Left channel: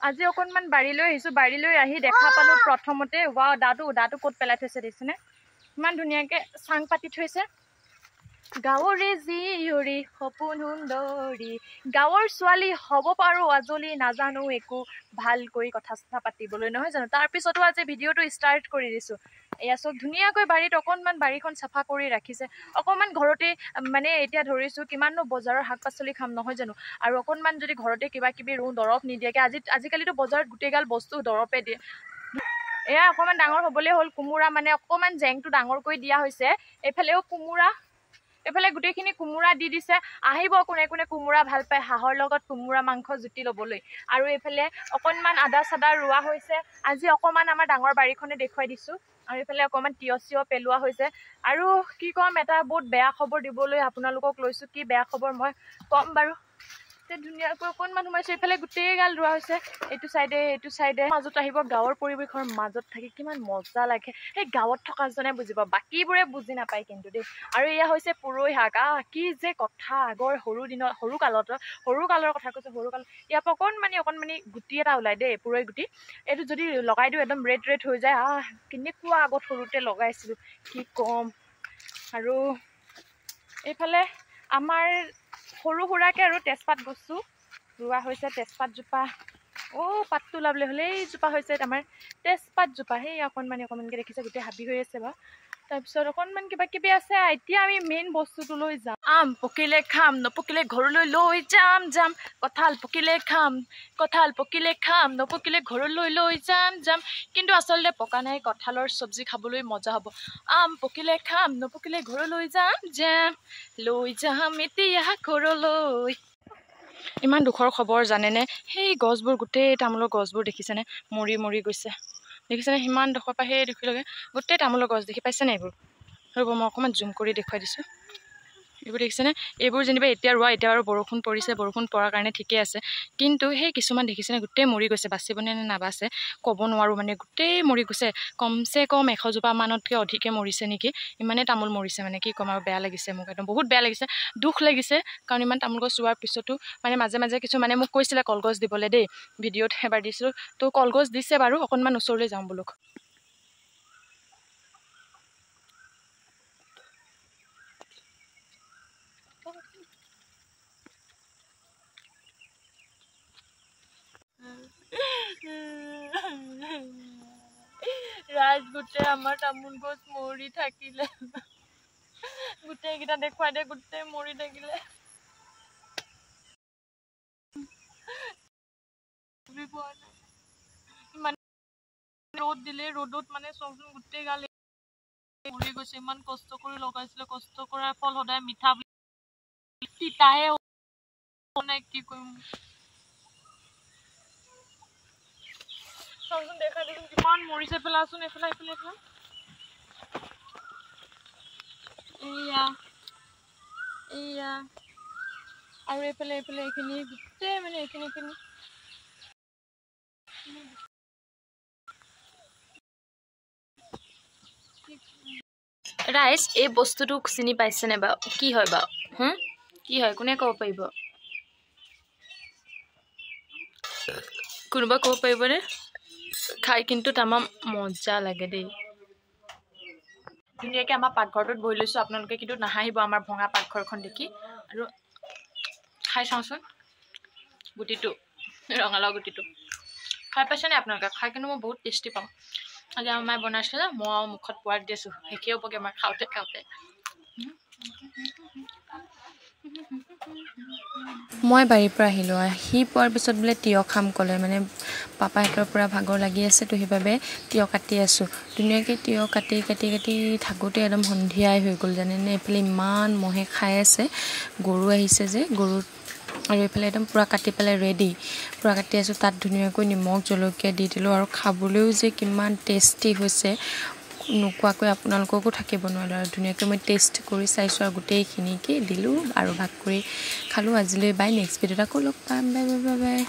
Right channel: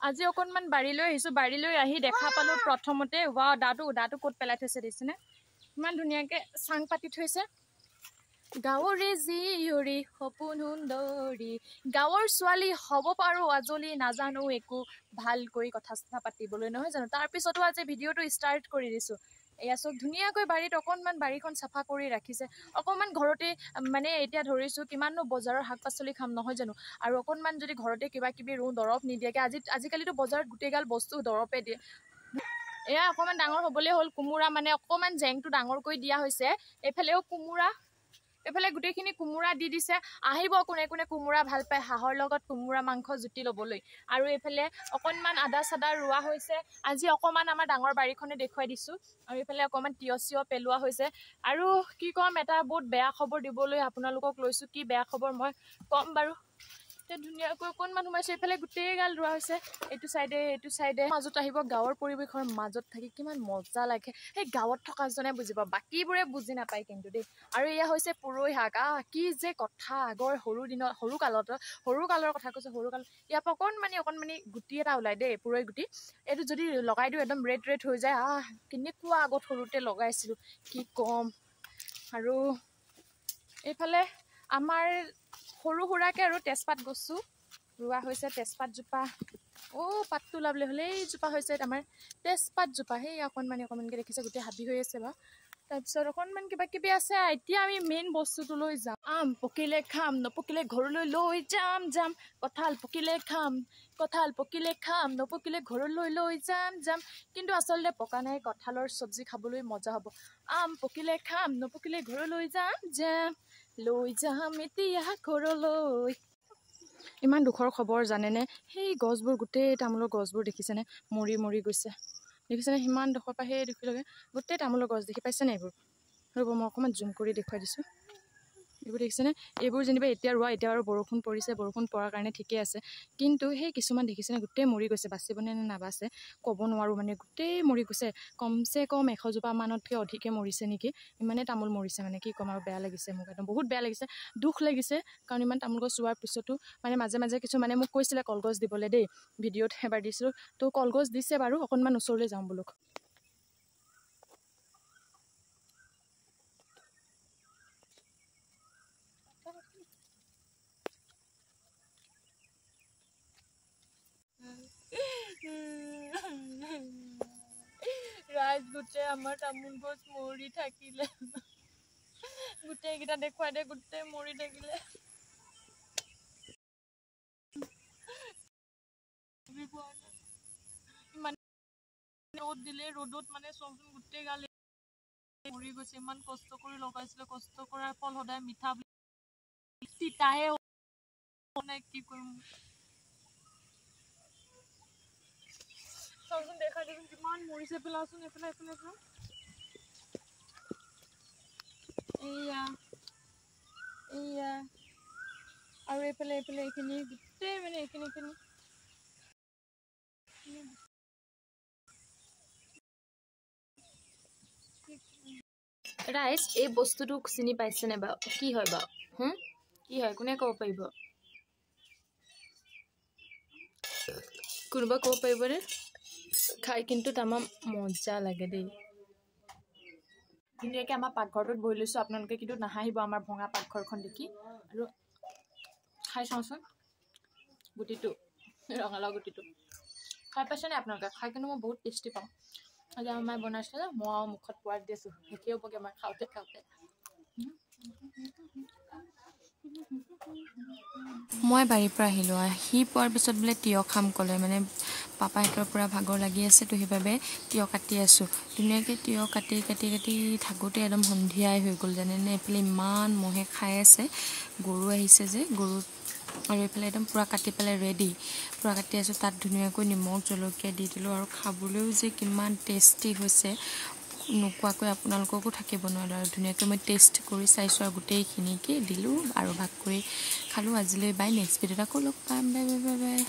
আজি অকণমান বাৰীলৈ আহিছোঁ বাৰীলৈ আহি দেখা পালোঁ প্ৰথমতে ৱাও দাঁটো ক'ত পেলাই থৈছে দেখিছেনে ইমান ধুনীয়াকৈ চাং পাতি থৈছে গাঁৱৰে জীয়ৰী সপোন সুন্দৰী গাঁৱৰ ছোৱালী হ'ব পাৰোঁ আজলি নাজানো একো ভালকৈ কথা চথা পাতিবলৈ নহয় জানো তাৰপিছতো আজি ভিডিঅ'টো ষ্টাৰ্ট কৰি দিছোঁ এয়া চব ধুনীয়াকৈ বাৰীত অকণমান বাৰীখন চাফা কৰি ৰাখিছে অকণমান ঘৰতে মানে এতিয়া ধৰিছোঁ কিমাননো বজাৰৰ শাক পাচলি খাম নহয় জানো আৰু অকণমান যদি ঘৰতে কিবা কিবি ৰুওঁ দৰৱ নিদিয়াকৈ আজিকালিতো বজাৰত গোটেইগাল বস্তু দৰৱে দিয়ে এয়া অকণমান ডাঙৰ হ'বলৈ হ'ল কোমোৰা মানে অকণমান জেংটো ডাঙৰ কৰি দিয়া হৈছে এইফালেও কোমোৰা এফালে গোটেইখিনি কোমোৰা দি দিছে আহিব কোনে কোনে কোমোৰা ভাল পায় হাঁহৰ লগত কোমোৰা মাংস জুতি ল'বলৈ আৰু এইফালে অকণমান আদা চাদা ৰোৱা হৈছে আজি অকণমান আমাৰ ডাঙৰ বাৰীখনে দেখুৱাই দিছোঁ আৰু এইফালে অকণমান তিয়হ পেলোৱা হৈছে আৰু কি ক'ম এটা বহুত বেয়া খবৰ দিবলৈ আপোনালোকক লৈছোঁ কি বেয়া খবৰ মই ক'ম বাৰু ধুনীয়াকৈ অকণমান সোমাইছে এইফালে গোটেইগাল ৰোৱা হৈছে এইটো চাইডে মাজত আহিব গাঁৱৰ পৰিৱেশৰ মাজত থাকি কিমান মজা লাগে সেই গাঁৱত থকাজনে বুজিব বাকীবোৰে বুজি নাপায় কিন্তু দেই আৰু এয়া হৈছে পুৰৈ শাক কি যে কথা আগৰ সৰু কালৰ কথা কৈছোঁ সৰু কালত ইয়াৰ পৰা অকণমানি গুটি এটা ওলাই দেই পুৰৈ গুটি এইটো যদি লগাই দিওঁ একদম ৰেড হৈ যায় কেনেকুৱা আগত সৰুতে লগাইছিলোঁ কি ক'ম আৰু এইফালে আমাৰ সৰু সুৰাকৈ আৰু তেজপাত গছো ৰোৱা হৈছে তেজপাতজোপা পাতটো ওলাবলৈ হ'লে এইজোপা হৈছে আমাৰ তেজপাতজোপা সেই অকণমানকৈ দেখিছে গোটেই হাবি হৈ আছে বাৰু তাৰপিছত অকণমান কিবা কিবি আছে এতিয়া আমি মেইন বস্তুটো লৈ যাম আম পকিলে খাম নপকিলে ঘৰলৈ লৈ যাম কঁঠাল পকিলে খাম নপকিলে ঘৰলৈ লৈ যাম কিন্তু আচলতে পকা নাই কঁঠালৰ চব্জি খাবলৈ মজা হ'ব আম পকিলে খাম নপকিলে ঘৰলৈ যাম এতিয়া ঘৰলৈ ইমান দুখৰ খবৰ জানেনে সেই গছবোৰ গোটেই তামোলৰ গছবোৰ দেখিছেনে মৰি গৈছে দেখিছেনে সিমান ডোখৰ পৰা সেই দেখিলগে গোটেই তামোলৰ গছ দেখি পাইছেনে এইবোৰ ৰ'ব মই অকণমান জুম কৰি দেখুৱাই দিছোঁ এইবোৰ দেখিছেনে এইবোৰ যেনিবা এতিয়া ৰোৱা এতিয়া আৰু বৰষুণ পৰিছে বৰষুণ পৰাৰ কাৰণে ঠিকে আছে কিন্তু সেই কিছুমান দেখিছেনে গোটেই মৰি গৈছে বাচিবনে নাবাচে ক'ব নোৱাৰোঁ মানে গোটেই মৰি গৈছে কমচে কম 100 জোপা মানতকৈ অধিকে মৰিছে নেকি ইমানেই তামোল মৰিছে মানে কি ক'ম আৰু বেয়া লাগিছে মোক একদম বহুত বেয়া লাগিছে দুখ লাগিছে কাৰণ ইমান তামোল গছ ৰোৱাৰ পিছতো মানে মাজে কিছুমানে মোক কৈছিলে কলগছ দিবলৈ দেই ভিডিঅ'ত এবাৰ দিছিলোঁ তো কলগছ দিছে বাৰু অকণমান ওচৰলৈ যাওঁ বোলো ৰাজ গোটেই আমাৰ তামোল গছ মৰি থাকিলে গোটেইকেইটা দেখুৱাই দে গোটেই মৰি থাকিলে ইমান ৰ'দ দিলে ৰ'দত মানে চবচোন গোটেই গাল মৰি গৈছে ইমান কষ্ট কৰি লগাইছিলে কষ্ট কৰাৰ ফল সদায় মিঠা তিতাহে নাই কি কৰিম চবচোন দেখাই দেখোন কিমান মৰিছে পেলাচোন এইফালে এয়া আৰু এইফালে এইখিনি গোটেই মানে এইখিনি ৰাইজ এই বস্তুটো চিনি পাইছেনে বাৰু কি হয় বাৰু কি হয় কোনে ক'ব পাৰিব কোনোবা ক'ব পাৰিবনে খাই কিন্তু তামাম মজা লাগে দেই ধুনীয়াকৈ আমাৰ পাকঘৰটোত বহি লৈছোঁ আপোনালোকে কিন্তু নাহাঁহিব আমাৰ ভঙা পাকঘৰখন দেখি আৰু খাই চাওঁচোন গুটিটো ৰঙালাও গুটিটো খাই পাইছেনে আপোনালোকে খাই কিন্তু মই বহুত টেষ্টি পাওঁ আজি আমাৰ মায়ে বনাইছিলে মই মুখত পোৱাত দি আছোঁ শেষেই হ'বগৈ আমাৰ খাওঁতে মই বাৰীৰ পৰা আহিলোঁ আহি পোৱাৰ পিছত বোলে তিয়হ খাম ক'লে মানে পাপাহঁতৰ পৰা ভাগৰ লাগি আছে তো সেইবাবে তিয়হ কাটি আছোঁ ধুনীয়াকৈ তিয়হ কাটি থাকোঁতে একদম সন্ধিয়াই হৈ গ'ল জানেনে এইফালে ইমান মহে খাই আছে গৰু আহিছে যে গৰু আৰু এইফালে একদম পূৰা কাটি পেলাই ৰেডি পূৰা কাটি আছোঁ তাত ধুনীয়াকৈ নিমখ জলকীয়া দি দিলোঁ আৰু খাবলৈও যে কিমান টেষ্টি হৈছে নোকোৱাকৈ আপোনালোককো থাকিব নোৱাৰোঁ আৰু ধুনীয়াকৈ মই টেষ্ট কৰি চাইছোঁ আৰু গোটেইখিনিকে দিলোঁ আৰু ভাগ কৰি খালোঁ আজিলৈ বাই নেক্সট ভিডিঅ'ত আকৌ লগ পাম বাই